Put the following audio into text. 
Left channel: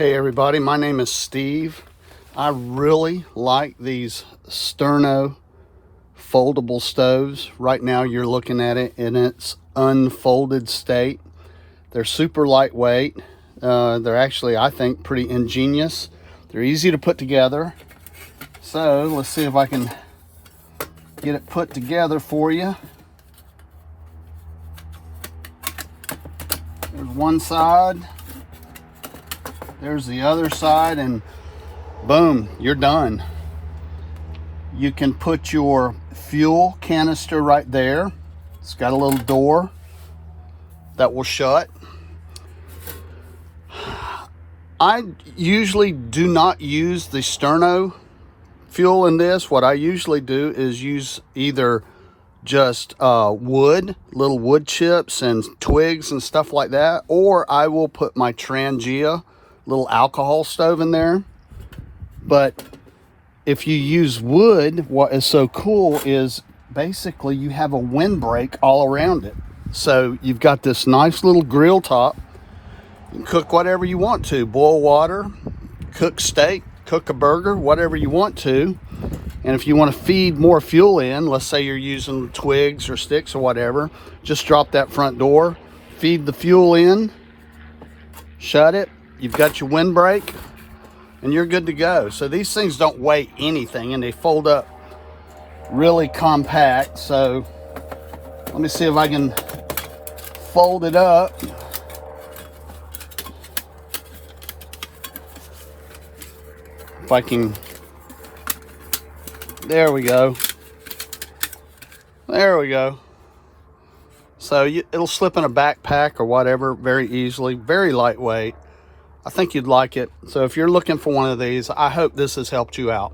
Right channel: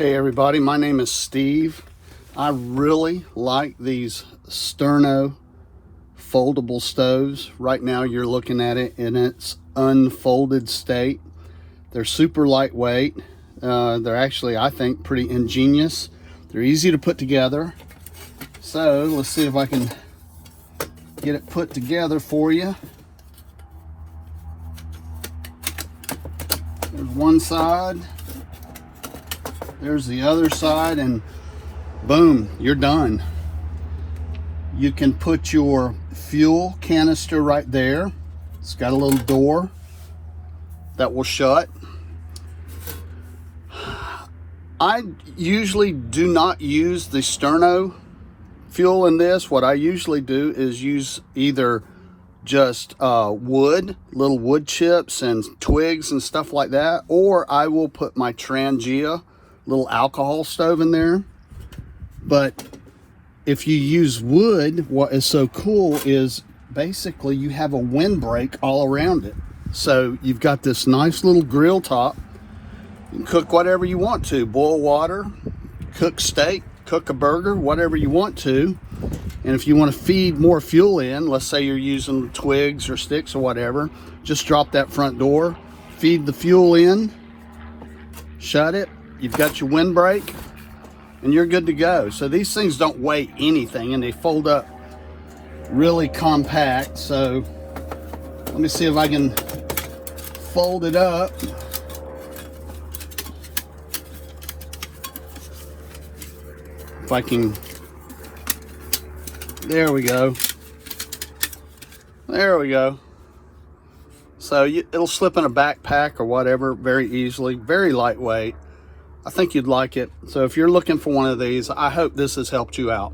Hey everybody, my name is Steve. I really like these Sterno foldable stoves. Right now you're looking at it in its unfolded state. They're super lightweight. They're actually, I think, pretty ingenious. They're easy to put together. So let's see if I can get it put together for you. There's one side. There's the other side, and boom, you're done. You can put your fuel canister right there. It's got a little door that will shut. I usually do not use the Sterno fuel in this. What I usually do is use either just wood, little wood chips and twigs and stuff like that, or I will put my Trangia little alcohol stove in there. But if you use wood, what is so cool is basically you have a windbreak all around it. So you've got this nice little grill top. You can cook whatever you want to, boil water, cook steak, cook a burger, whatever you want to. And if you want to feed more fuel in, let's say you're using twigs or sticks or whatever, just drop that front door, feed the fuel in, shut it. You've got your windbreak, and you're good to go. So these things don't weigh anything, and they fold up really compact. So let me see if I can fold it up. If I can, there we go. There we go. So it'll slip in a backpack or whatever very easily, very lightweight. I think you'd like it. So if you're looking for one of these, I hope this has helped you out.